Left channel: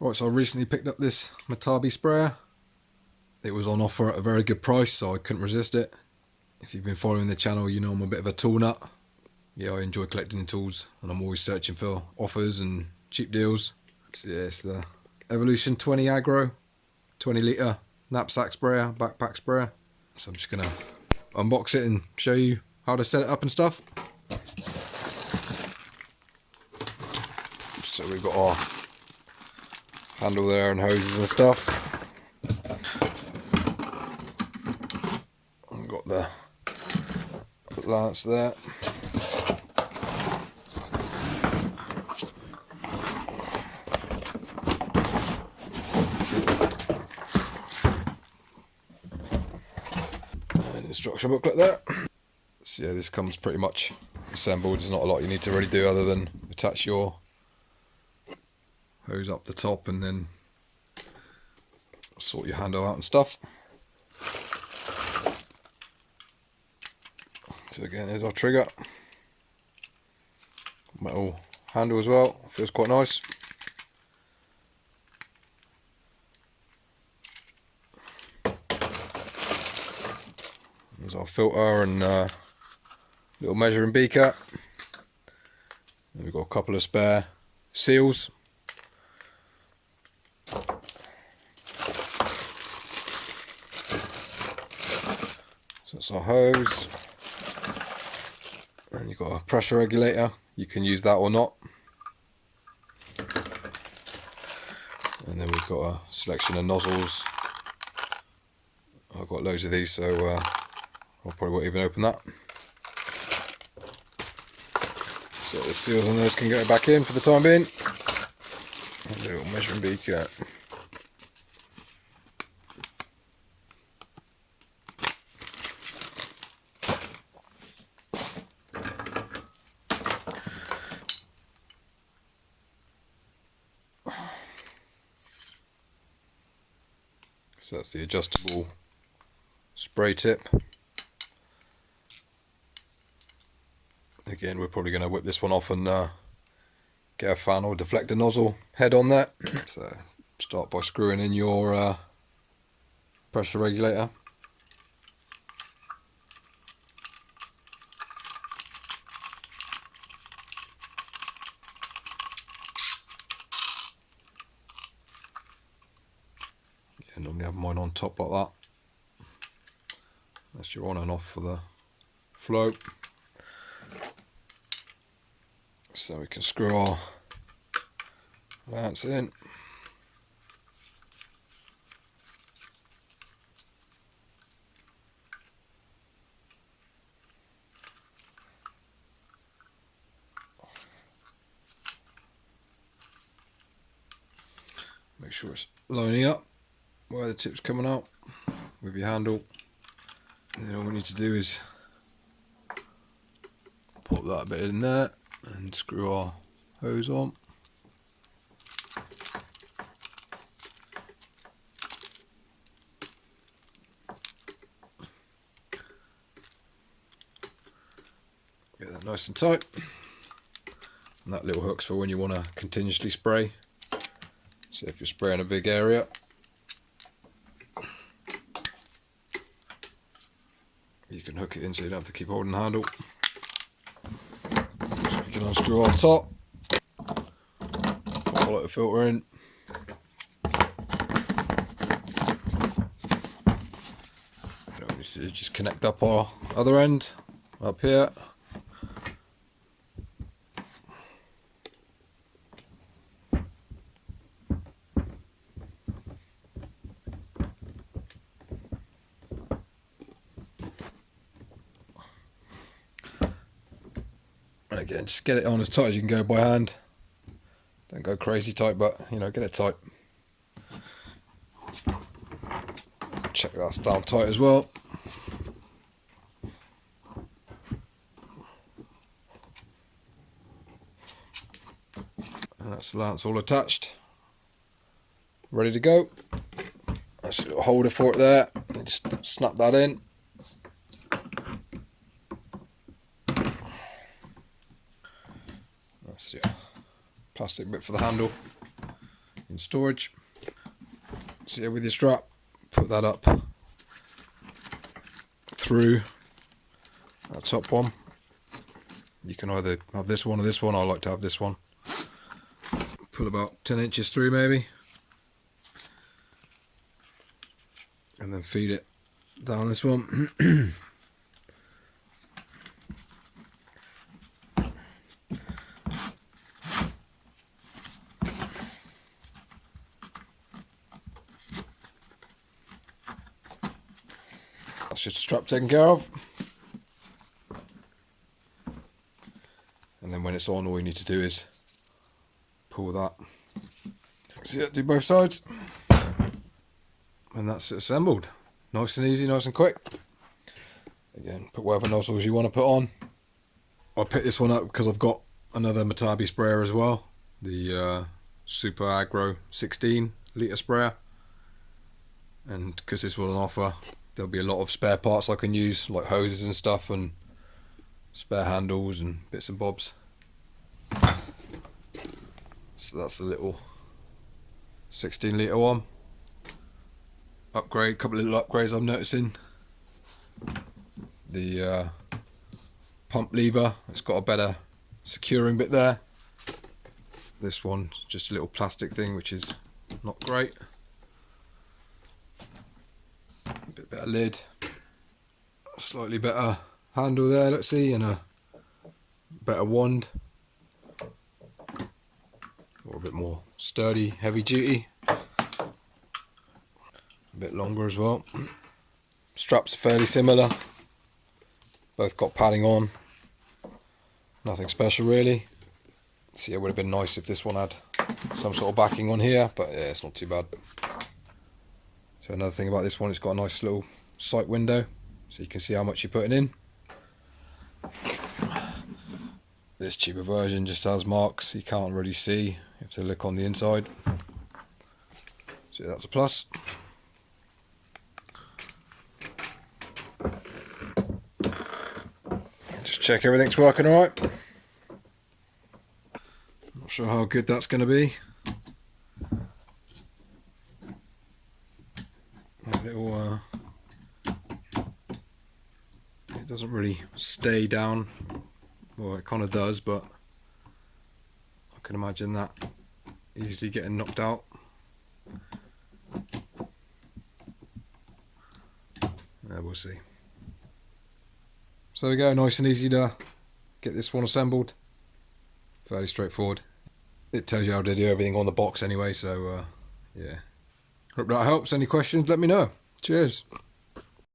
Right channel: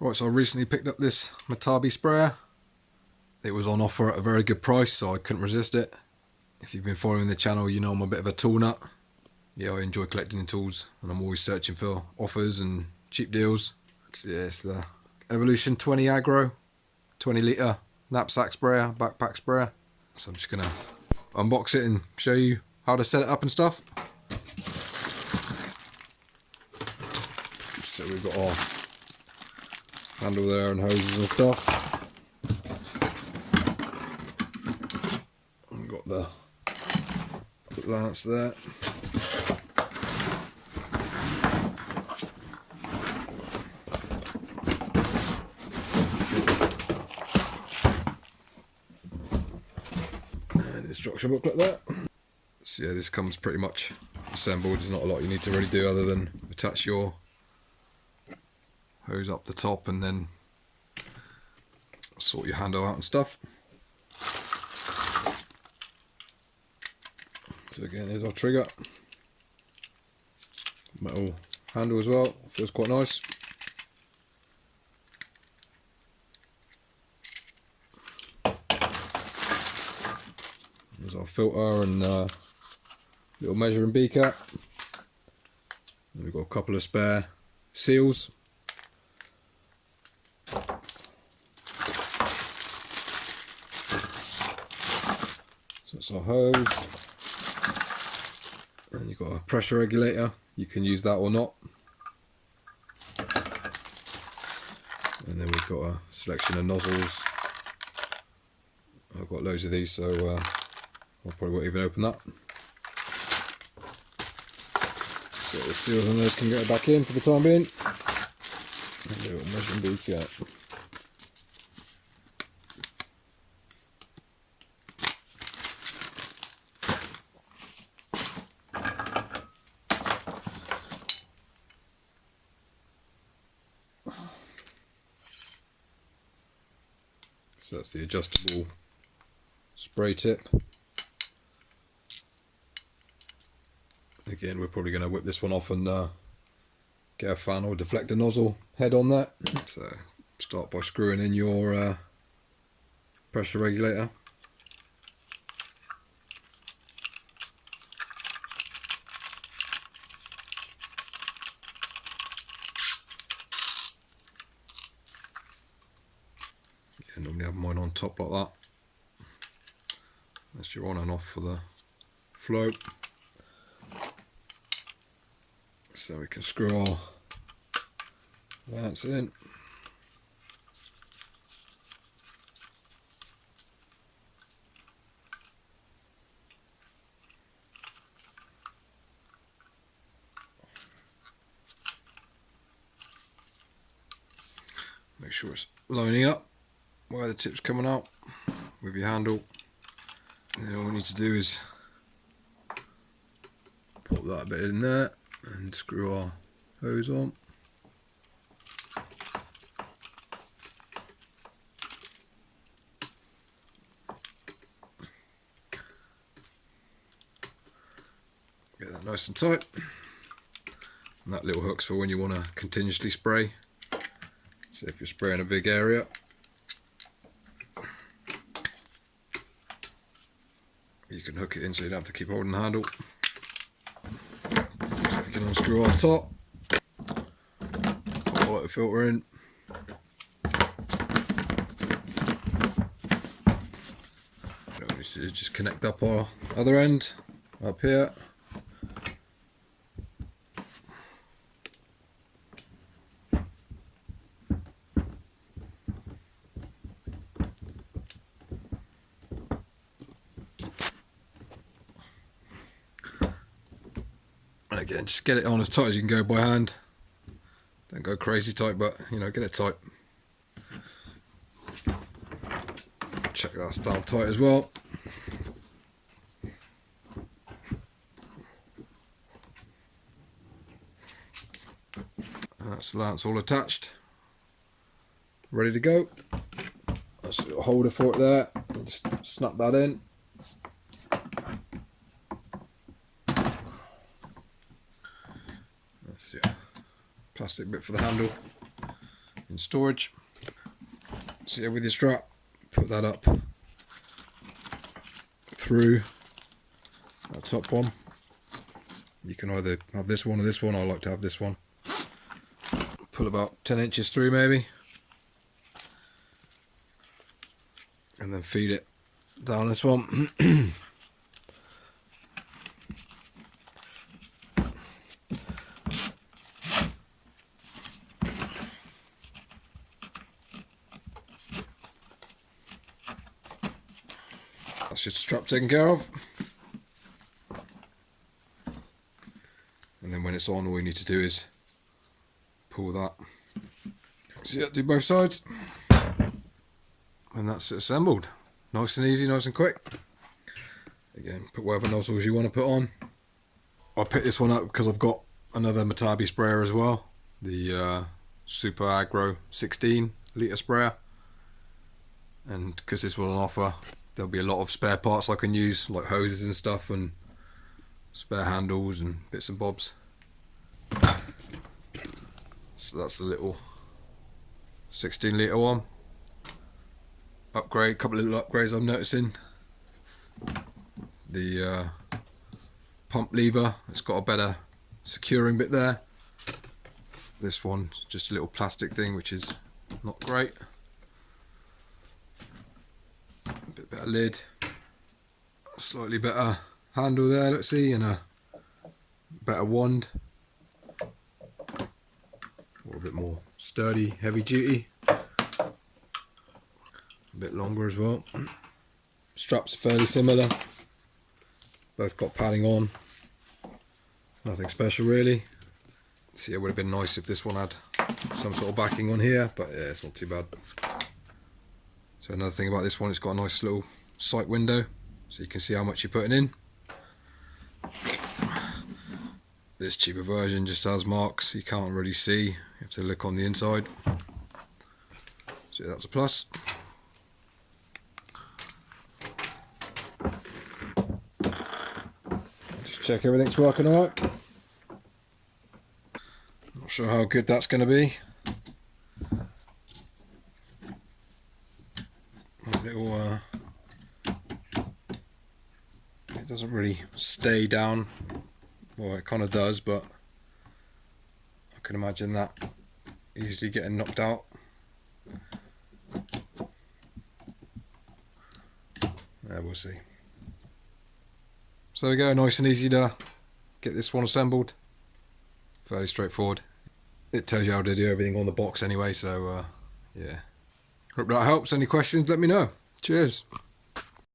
Right, so I recently picked up this MATABI sprayer. It was on offer at a very good price, so I couldn't resist it. If you've been following the channel, you know I'm a bit of a tool nut. Yeah, I enjoy collecting tools, and I'm always searching for offers and cheap deals. So yeah, it's the Evolution 20 Agro, 20 litre knapsack sprayer, backpack sprayer. So I'm just gonna unbox it and show you how to set it up and stuff. So we've got our handle there and hoses and stuff. I've got the lance there. And instruction booklet there. So yeah, this comes pretty much assembled. There's not a lot you need to really do other than attach your hose up the top and then sort your handle out and stuff. So again, there's our trigger. Metal handle as well, feels quite nice. There's our filter and little measuring beaker. Then we've got a couple of spare seals. So that's our hose. And you've got a pressure regulator. You can use that or not. And then we've got a selection of nozzles. I've got loads of these, so I probably won't even open that. So the seals on those can get it back in for the time being. And a little measuring beaker. So that's the adjustable spray tip. Again, we're probably going to whip this one off and get a fan or deflector nozzle head on that. So start by screwing in your pressure regulator. I normally have mine on top like that. That's your on and off for the flow. So we can screw our lance in. Make sure it's lining up where the tip's coming out with your handle. And then all we need to do is put that bit in there and screw our hose on. Get that nice and tight. And that little hook's for when you want to continuously spray. So if you're spraying a big area, you can hook it in so you don't have to keep holding the handle. So we can unscrew on top, pop a little filter in. What we need to do is just connect up our other end up here. And again, just get it on as tight as you can go by hand. Don't go crazy tight, but you know, get it tight. Check that's down tight as well. And that's the lance all attached, ready to go. That's a little holder for it there. Just snap that in. That's your plastic bit for the handle. in storage. So yeah, with your strap, put that up through that top one. You can either have this one or this one. I like to have this one. Pull about 10 inches through maybe, and then feed it down this one. That's just a strap taken care of. And then when it's on, all you need to do is pull that. So yeah, do both sides. And that's it assembled. Nice and easy, nice and quick. Again, put whatever nozzles you want to put on. I picked this one up because I've got another MATABI sprayer as well. The Super Agro 16 litre sprayer. And because this was on offer, there'll be a lot of spare parts I can use, like hoses and stuff, and spare handles and bits and bobs. So that's the little 16 litre one. Upgrade, couple of little upgrades I'm noticing. The pump lever, it's got a better securing bit there. This one, just a little plastic thing, which is not great. A bit better lid, slightly better handle there, let's see, and a better wand. Or a bit more sturdy, heavy duty. A bit longer as well. Straps are fairly similar. Both got padding on. Nothing special really. So yeah, it would have been nice if this one had some sort of backing on here, but yeah, it's not too bad. So another thing about this one, it's got a nice little sight window, so you can see how much you're putting in. This cheaper version just has marks you can't really see. You have to look on the inside. So that's a plus. Just check everything's working alright. Not sure how good that's going to be. Little, it doesn't really stay down. Well, it kind of does, but I can imagine that easily getting knocked out. Yeah, we'll see. So there we go, nice and easy to get this one assembled. Fairly straightforward. It tells you how to do everything on the box anyway, so yeah. Hope that helps. Any questions, let me know. Cheers.